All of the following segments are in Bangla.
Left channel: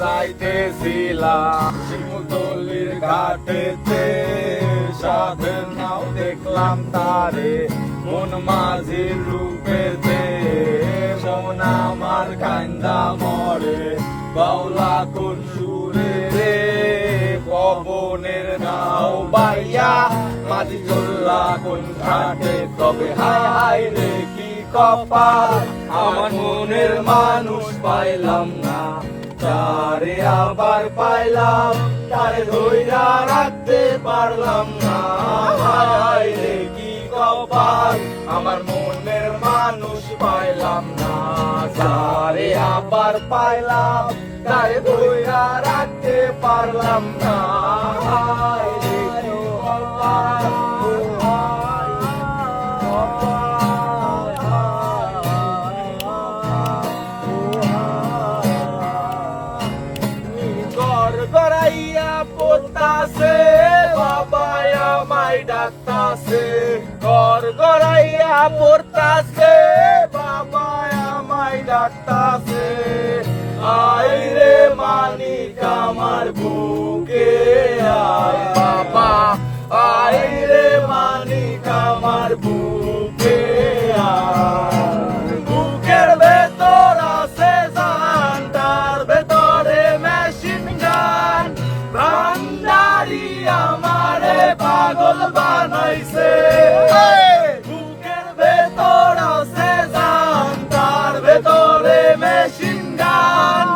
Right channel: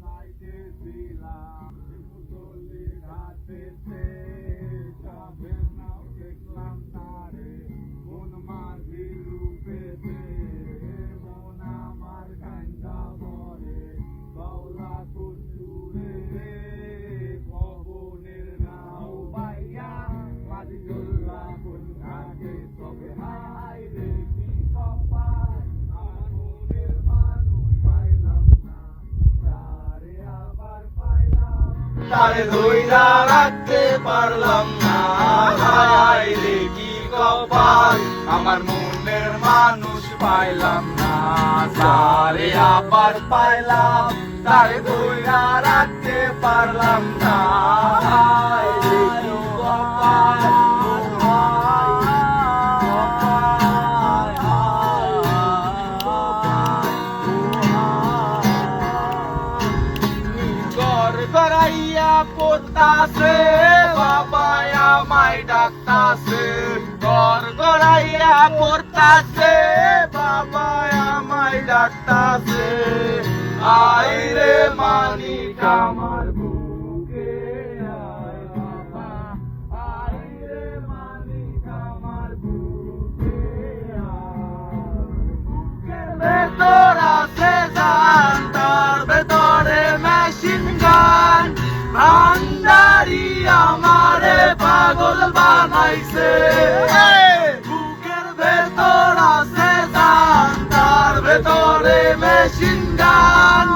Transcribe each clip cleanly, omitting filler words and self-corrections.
যাইতেছিলাম শিমুলতলির ঘাটেতে, সাধের নাও দেখলাম তারে মন মাঝির রূপেতে। মন আমার কান্দা মরে বাউলা কোন সুরে রে, পবনের নাও বাইয়া মাঝি চললা কোন ঘাটে। তবে হায় হায় রে কি কপাল, আমার মনের মানুষ পাইলাম না, তারে আবার পাইলাম তারে ধইরা রাখতে পারলাম না। হায় হায় রে কি কপাল, আমার মনের মানুষ পাইলাম না, তারে আবার পাইলাম তারে ধইরা রাখতে পারলাম না। হায় রে কি কপাল, গড়াইয়া পড়তাছে বাবা আমায় ডাকতাছে, গড়াইয়া পড়তাছে বাবা আমায় ডাকতাছে। আই রে মানিক আমার বুকে আয় বাবা, আই রে মানিক আমার বুকে আয়। বুকের ভেতর আছে জান, তার ভেতরে মেশিন গান, ভান্ডারি আমারে পাগল বানাইছে। বুকের ভেতর আছে জান, তার ভেতরে মেশিন গান,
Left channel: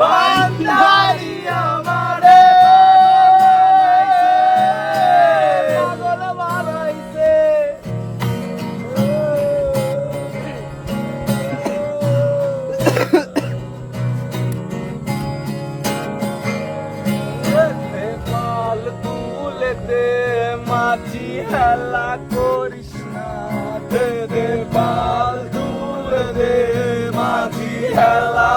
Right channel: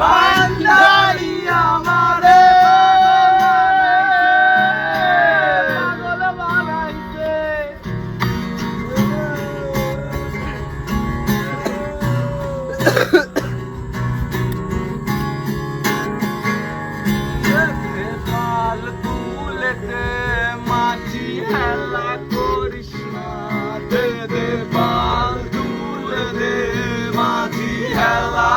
ভান্ডারি আমারে পাগল বানাইছে। পাল তুলেতে মাঝি হেলা করিস না, দে দে পাল তুলে দে মাঝি হেলা